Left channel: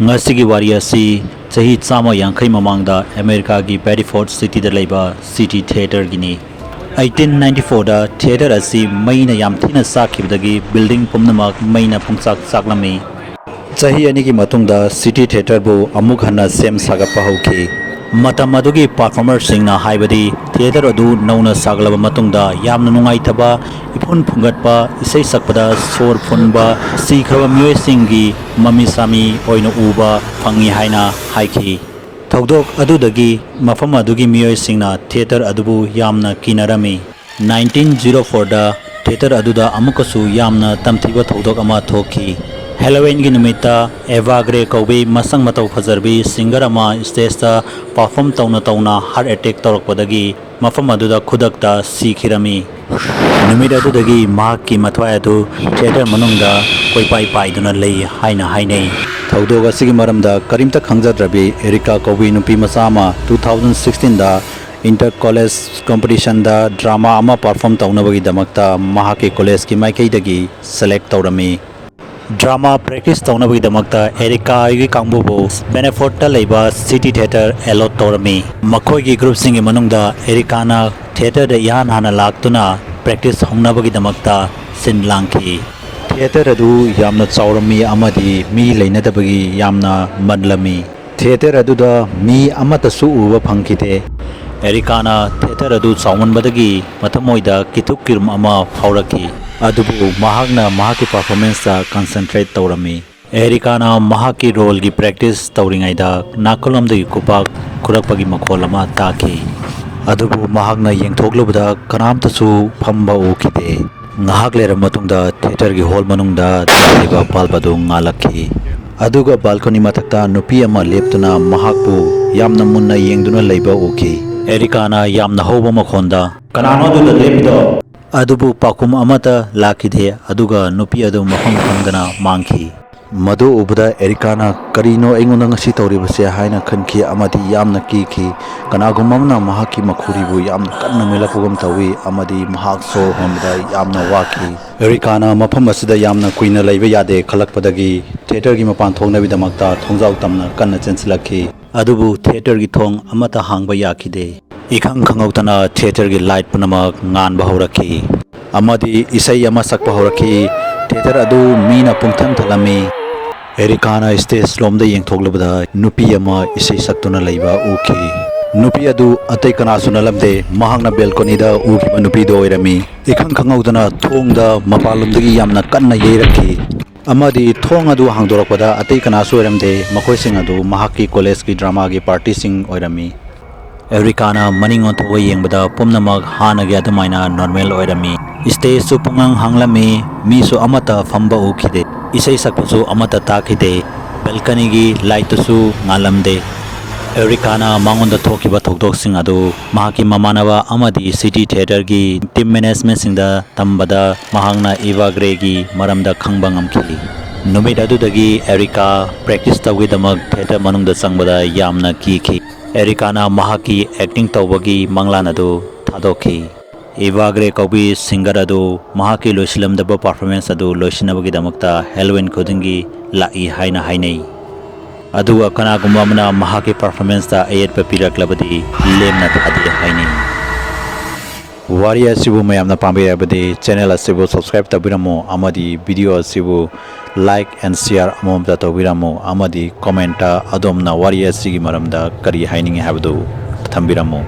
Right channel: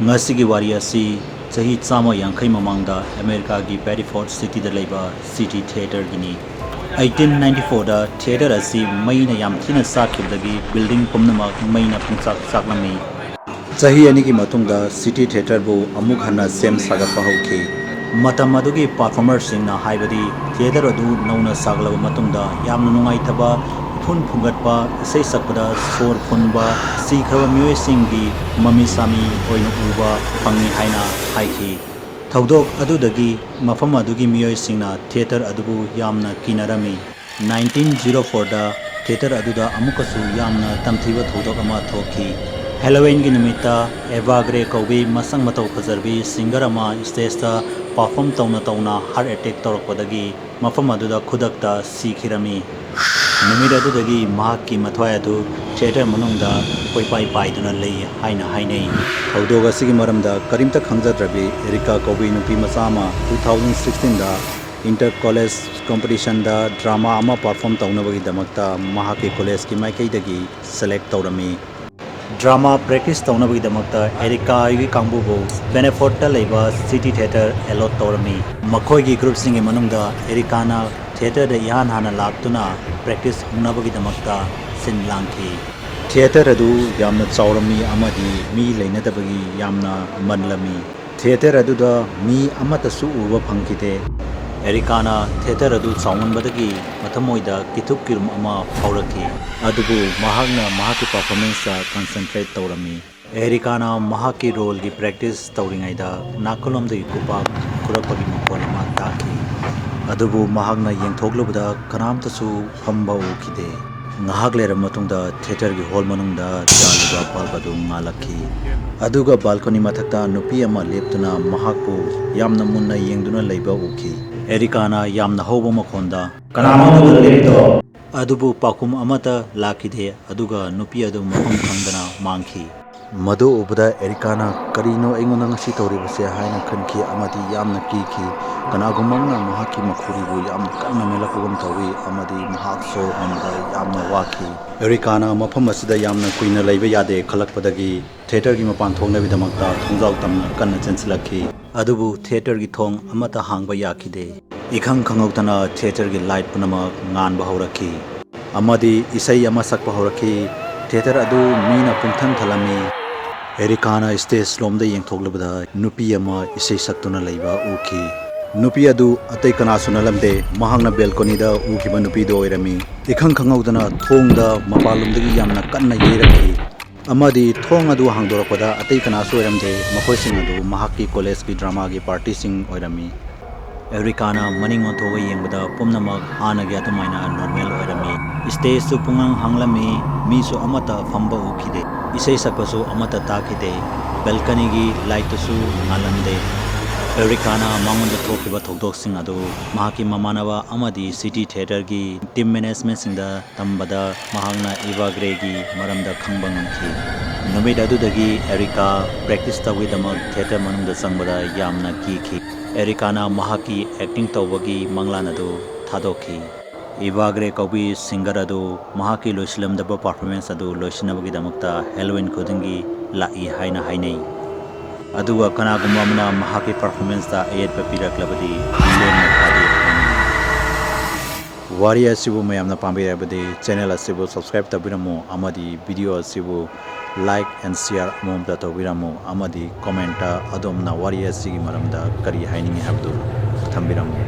Ngasigi Wari asi chahi chama yankai mamangda America gi Bedford City da laiba City Theater gini 1894 da theater asi maina yam thina sakhibdagi building pumnamak maina pungchak saklami chahi ani gi matungda City Theater bu amuk hanna sem sagatpa hauki matam adugi performer singna haibadi theater adu nauna saglaba matungda yamna nungai thaba ipun phungatpa isai sakpada sor phunba sikhaba myoy singi mami sami oina uba phangi haina haiki thaudok adudagi mafam adugi myoy singna theater adubu yamna kinarami 1904 da theater aduda amukasu yamna tamthiba thaudok ama thoki Halloween gi numita Evagre Koubi masang matau phazarbi singer ama stage ta perform tauna heart attack tawrakpadagi mafam aduda khudakta sikhirami numit adudagi mahakki mathwai adu theater manungda koipai paiduna lei haina hainai thaudoga sigi maramda karimta khangjadrabi Erika Koubi Nupi masama 2016 da inter college competition da drama ama perform taunabagi damakta mahakki college ki maikai dagi select tawrami Drama practice taunabagi damakta Erika agi kangbubu Benefort ta leiba City Theater allot tawrami makhoi gi group singi manungda Erika na theater da yan hana laktuna practice hongnabagi damakta sinlangki theater adu yamna chawrami amadi mi leinadabagi yamna manlami theater adu da mi amata su uba phangkite Erika na theater adu chawnbadagi mathamoida kituk kirum ama phawraki adubu mahakna mahaki performance ta concentrate tawrami Erika na mahaki role gi practice tawringai da nakolom de kupak kurakpagi makhol ama taki adubu mahakna yengthoklubada kanamta su phamba okide ngahak lera matungda theater gi hall manungda taliba palbadu ngalakhi aduga balcony mathakta nupi ama leptuna mahakpu yamna munna yengduna leiba oki Erika na yamna hoba makhonda kanano du lepdo adubu pakum amata lakide aduga nupi adu mafam khangdana mangki madu ubada Erika na karino engona ngasi tawribase haina khanki amadi yamna kiki kanagumangna mahaki makhuribu yamna kanna melapugam tawi amadi mahak so hemda yamna waki Erika na mafam asida yamna kuina leiba yade khalakpadagi theater gi mapan thongna bidamakta thongjaw tamna kanna chensilakhi adubu theater gi thong amata hangba yakide ikhang khangautana theater gi light panamak ngan bahoraki amadi isai ama sakpa horaki theater adu mina pungtham thalami Erika na stage lomda yengthoklabada nupi ama isai saktuna leiba uki nupi adu atai kana sunalamde mahangna balcony da uki nupi do irami ikhang khangautana thongda mapalumdagi yamna kanna yeiraki amadi thong adu hangdorakpada atai kana suiramde makhoi sing adu mahaki college ki drama gi party sing oirami Erika na maning on thoi yengbada pumnamak hana gi adumaina normal oirami stage su pungang hanglami mi su amata phamba ukhide isai sakpasu amata takide balcony gi light su ngalamde Erika na mangonda thokiba thodok sing adu mahaki mamanaba amadi City Theater gi team management singda tambada mahangna Evagre gi maramda khangbangamki numit adudagi Erika practice tawgidamak theater manungda changbada yamna kiki Erika na mahaki acting tawbagi manglan adu thadoki Evagre Koubi singer adu mahaki loisilamdaba performance adu loisinabagi damakta Halloween khudingi lai haina hainai aduga kanagumba mana mahaki performance ta ayat papiraklabadi lemna thadi haini wari asibu mayamna pambirabadi channel asibu subscribe tabiramo amadi video asibu like and share amomda tabiramo amadi comment adomna wari asigi maramda kari hainingi habdu thambiramo